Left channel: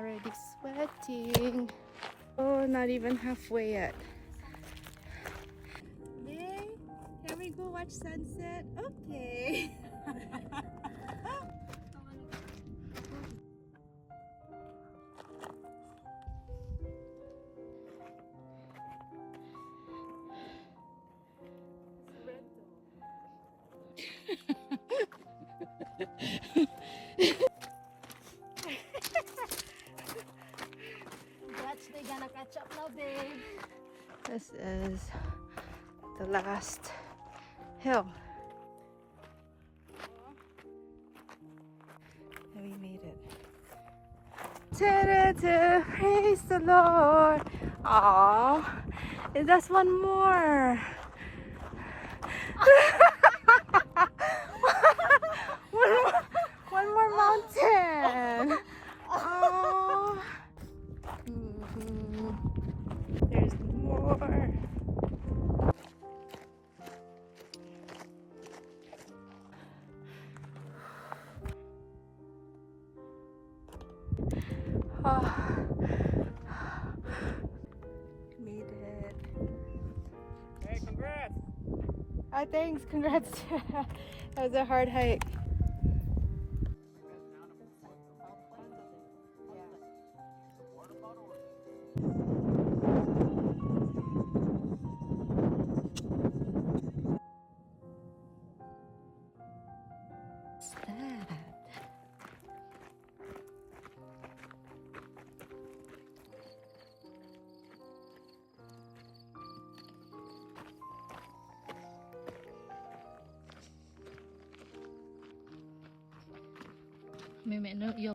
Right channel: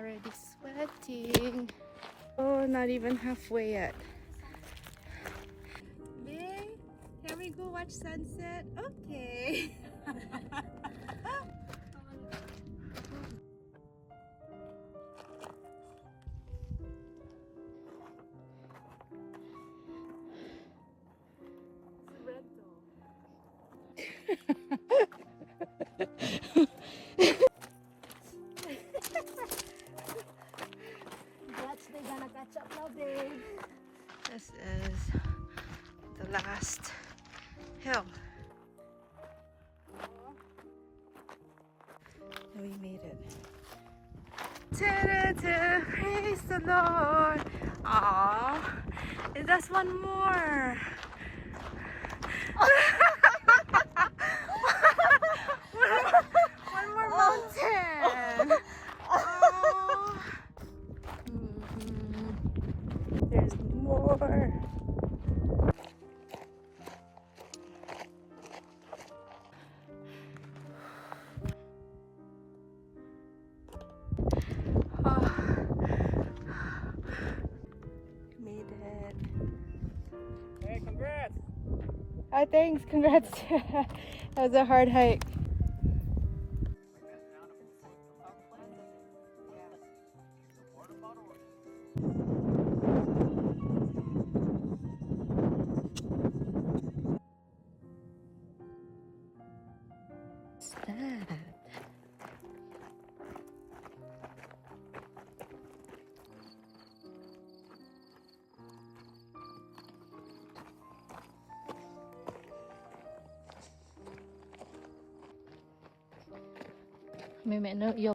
already sweating. Oh, not even halfway yet. Babe, can we go watch sunset? Okay. That's they gonna catch up now, babe. This is the last hill. And we made it. Ta-da-da, praise the Lord. Aww, there's just one more. one more mountain. Aww. There's more. Made it. Hey, congrats! Oh, thanks. Congrats. That was a hard hike. What's that? May no, yo.